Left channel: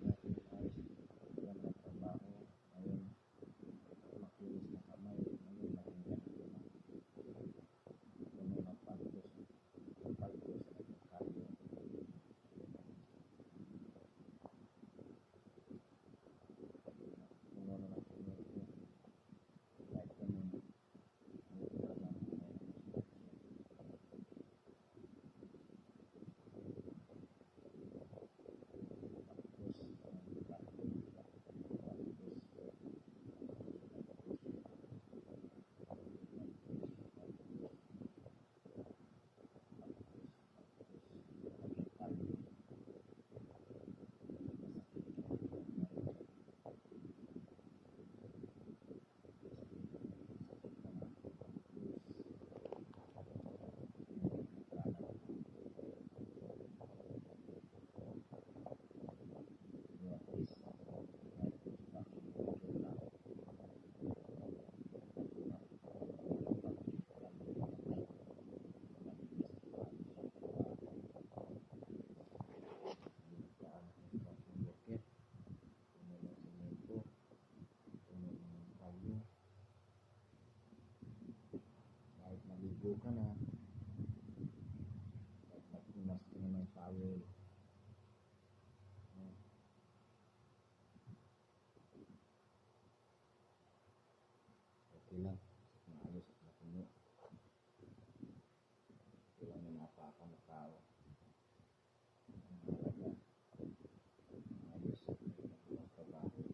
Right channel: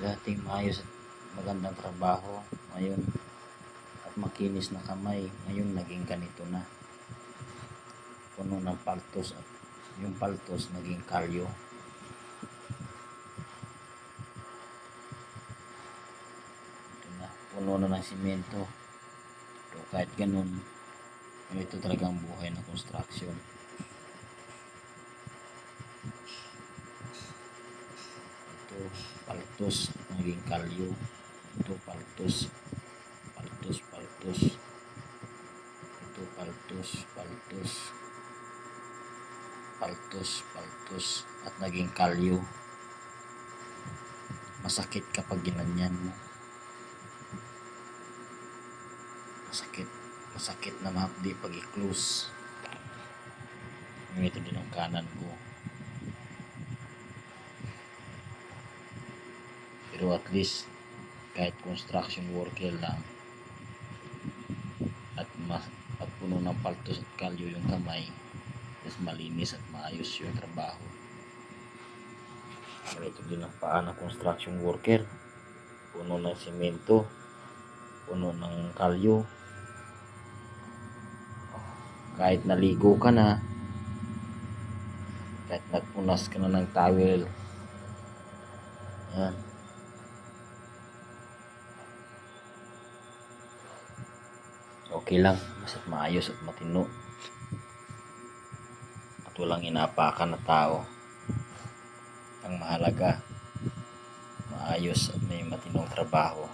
dating maayos at magandang trabaho. Ngayon at makinis na kamay. Ngayon naging ganito na. Puno ng paltos at yung paltos naging kalyo. Ito na puno na ng simento. Pero kahit ganun ito talagang buhay na construction paltos naging kalyo. Ito paltos. Paltos paltos. Ito paltos paltos. Paltos paltos. At naging kalyo. Masakit kapag ginanyan mo. Masakit. Masakit na mahapdi pag i-close. Ito din ang kanan ko pero at least kahit construction worker lang. At mas at puno ng paltos at kalyo yung kamay mas malinis at maayos yung trabaho. Ito din ang paa ng construction worker. Puno ng simento puno ng kalyo. Kahit naligo ka na kahit nagpunas ka na ng towel yan okay lang basta maayos at matino. At walang inapakan na tao. Ang mahalaga maayos at may matinong trabaho